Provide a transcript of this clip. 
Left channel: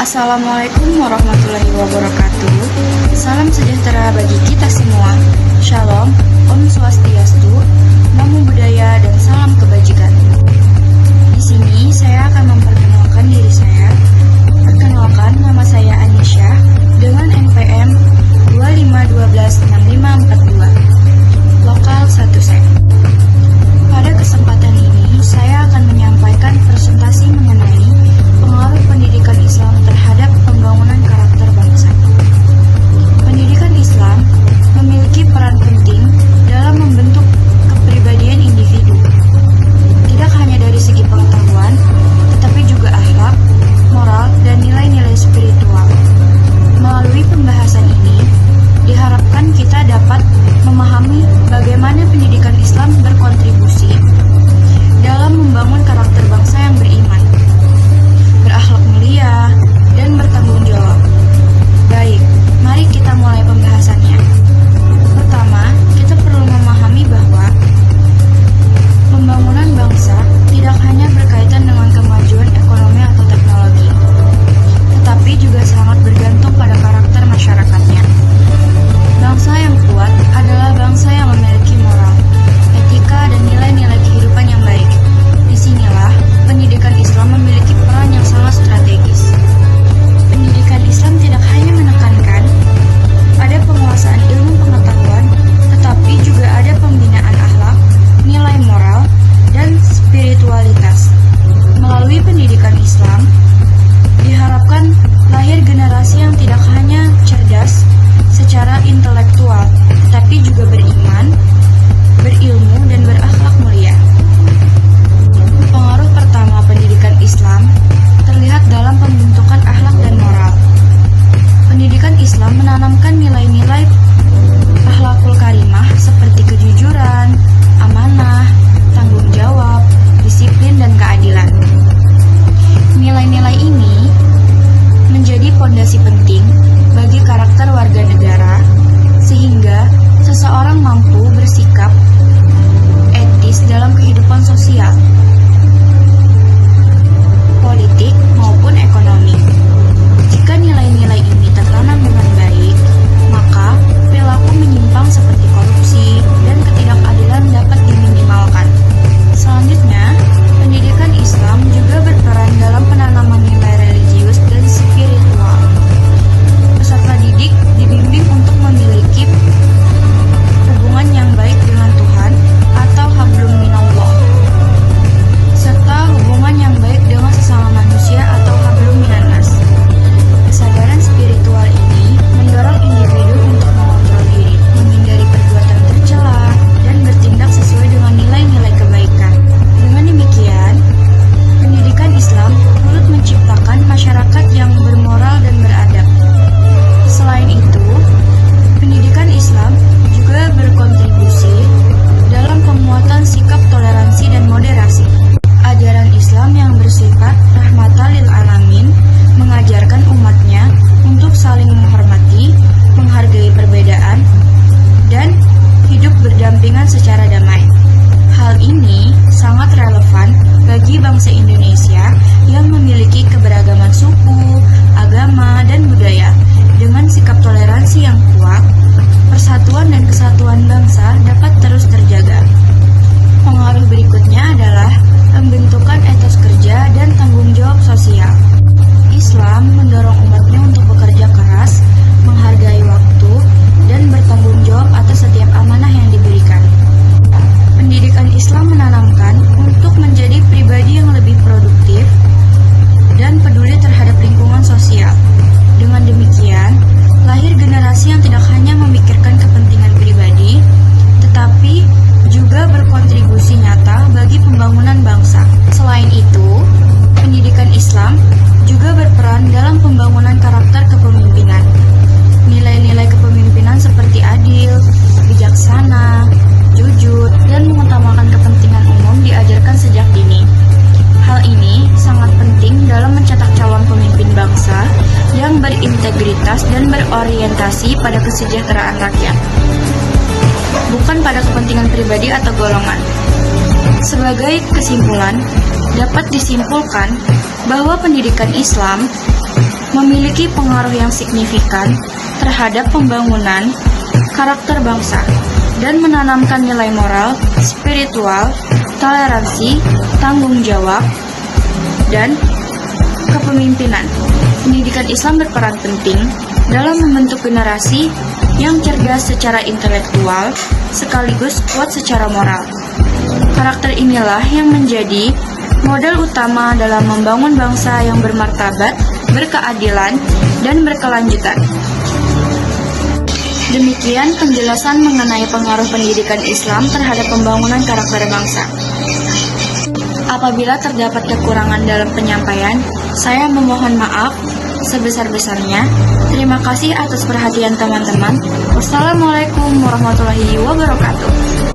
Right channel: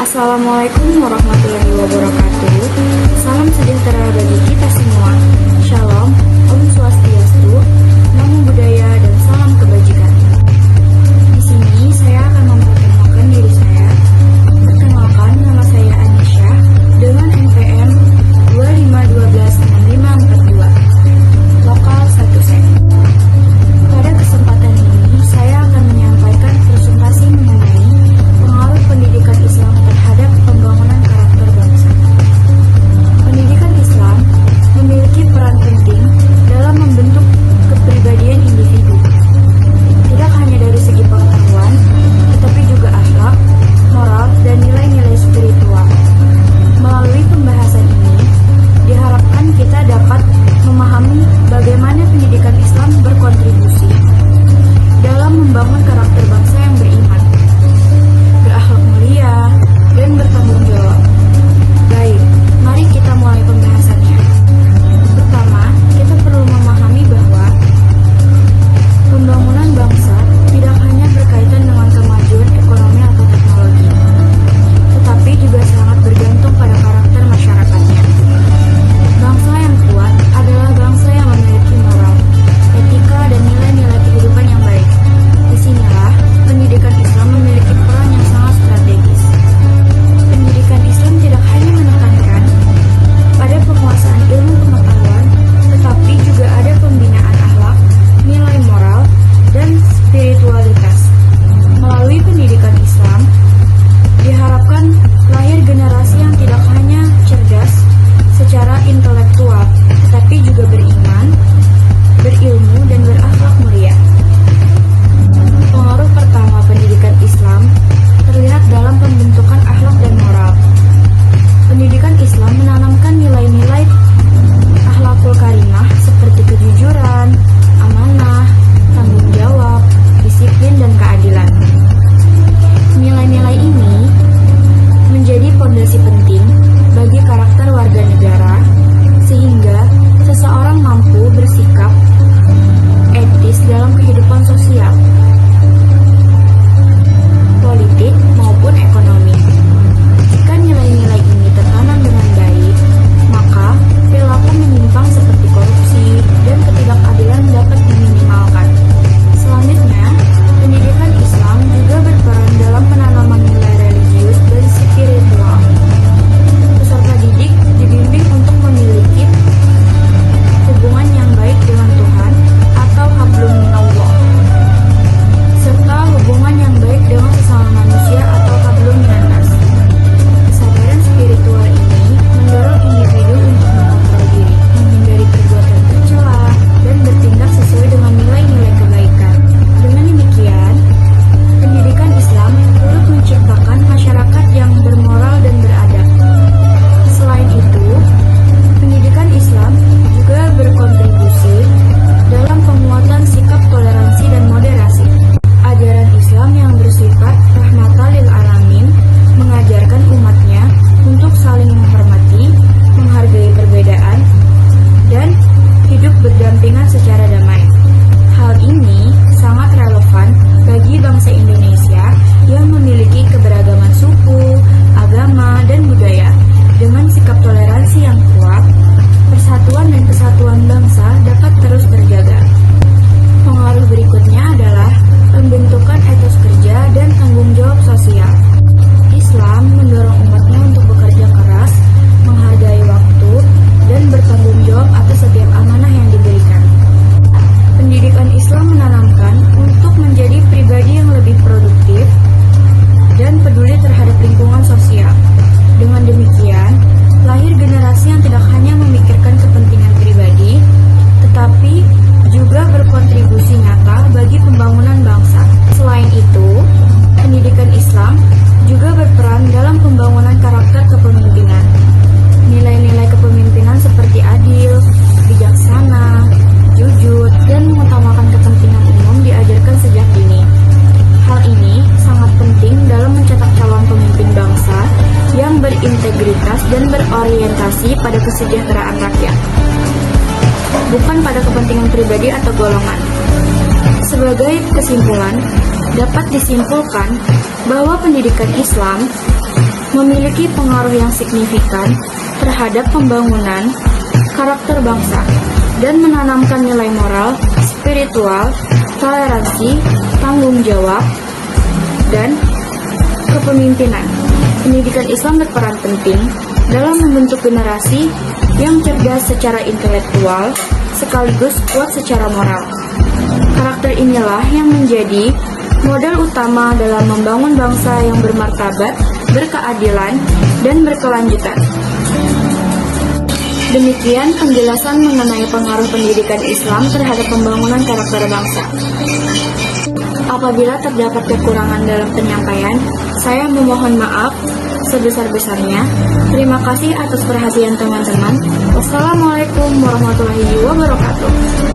Assalamualaikum warahmatullahi wabarakatuh. Salam sejahtera bagi kita semua. Shalom, Om Swastiastu, Namo Buddhaya, dan salam kebajikan. Di sini saya akan memperkenalkan diri saya. Perkenalkan, nama saya Anisha dengan NPM 25126542, lokal 1 Sek. Pada kesempatan ini, saya akan menyampaikan presentasi mengenai pengaruh pendidikan Islam terhadap pembangunan karakter bangsa. Pendidikan Islam memiliki peran penting dalam membentuk kepribadian individu. Tidak hanya dari segi pengetahuan, tetapi juga akhlak, moral, dan nilai-nilai spiritual. Melalui pembahasan ini, diharapkan kita dapat memahami bagaimana pendidikan Islam berkontribusi dalam membangun karakter bangsa yang beriman, berakhlak mulia, dan bertanggung jawab. Baik, mari kita mulai pembahasannya. Pertama, kita perlu memahami bahwa pembangunan bangsa tidak hanya berkaitan dengan kemajuan ekonomi atau teknologi, tetapi juga sangat bergantung pada karakter masyarakatnya. Bangsa yang kuat adalah bangsa yang memiliki moral, etika, dan nilai-nilai kehidupan yang baik. Disinilah pendidikan Islam memiliki peran yang sangat strategis. Pendidikan Islam tidak hanya menekankan pada penguasaan ilmu pengetahuan, tetapi juga ada pembinaan akhlak, nilai moral, dan spiritualitas. Melalui pendidikan Islam, diharapkan lahir generasi yang tidak hanya cerdas secara intelektual, tetapi juga beriman, berilmu, dan berakhlak mulia. Pengaruh pertama pendidikan Islam terlihat dalam pembentukan akhlak dan moral. Pendidikan Islam menanamkan nilai-nilai akhlakul karimah seperti kejujuran, amanah, tanggung jawab, disiplin, dan keadilan. Nilai-nilai ini menjadi fondasi penting bagi karakter warga negara, sehingga seseorang mampu bersikap etis dalam kehidupan sosial, politik, maupun ekonomi. Jika nilai-nilai ini tertanam dengan baik, maka perilaku menyimpang seperti korupsi dan ketidakadilan dapat diminimalkan. Selanjutnya, pendidikan Islam juga berperan dalam penanaman nilai religius dan spiritual. Peserta didik dibimbing untuk memiliki hubungan yang baik dengan Tuhan atau hablum minallah, serta hubungan yang baik dengan sesama manusia atau hablum minannas. Kesadaran spiritual ini mendorong individu untuk mengontrol diri, menghindari perbuatan tercela, dan bertindak sesuai dengan nilai-nilai kebaikan. Dengan demikian, pendidikan Islam turut menciptakan masyarakat yang bermoral dan beradab. Selain itu, pendidikan Islam juga berkontribusi dalam penguatan sikap toleransi dan moderasi. Ajaran Islam yang bersifat rahmatan lil alamin mengajarkan umatnya untuk saling menghormati, menghargai perbedaan, dan hidup berdampingan secara damai. Hal ini sangat relevan bagi bangsa Indonesia yang memiliki keberagaman suku, agama, dan budaya. Dengan sikap toleransi yang kuat, persatuan dan kesatuan bangsa dapat terus terjaga. Pengaruh berikutnya adalah pembentukan etos kerja dan tanggung jawab sosial. Islam mendorong umatnya untuk bekerja keras, menghargai waktu, dan bertanggung jawab atas setiap amanah yang diberikan. Pendidikan Islam menanamkan untuk menjadi pribadi yang lebih produktif dan peduli terhadap lingkungan sosial. Dengan demikian, lahir generasi yang tidak hanya memikirkan kepentingan pribadi, tetapi juga berkontribusi nyata bagi pembangunan bangsa. Selain itu, pendidikan Islam juga berperan dalam pembangunan karakter kepemimpinan. Nilai-nilai kepemimpinan seperti adil, bijaksana, jujur, dan mengutamakan kepentingan umum diajarkan sejak dini. Hal ini sangat penting dalam mencetak calon pemimpin bangsa yang berintegritas dan berorientasi pada kesejahteraan rakyat, bukan pada kepentingan pribadi atau golongan. Sebagai kesimpulan, dapat disimpulkan bahwa pendidikan Islam memiliki pengaruh yang signifikan terhadap pembangunan karakter bangsa dan menanamkan nilai moral, spiritual, toleransi, tanggung jawab, dan kepemimpinan. Pendidikan Islam berperan penting dalam membentuk generasi yang cerdas secara intelektual sekaligus kuat secara moral. Karakter inilah yang menjadi modal utama dalam membangun bangsa yang bermartabat, berkeadilan, dan berkelanjutan. Demikian penjelasan mengenai pengaruh pendidikan Islam terhadap pembangunan karakter bangsa. Apabila terdapat kekurangan dalam penyampaian, saya memohon maaf sebesar-besarnya. Terima kasih atas perhatian teman-teman. Wassalamualaikum warahmatullahi wabarakatuh.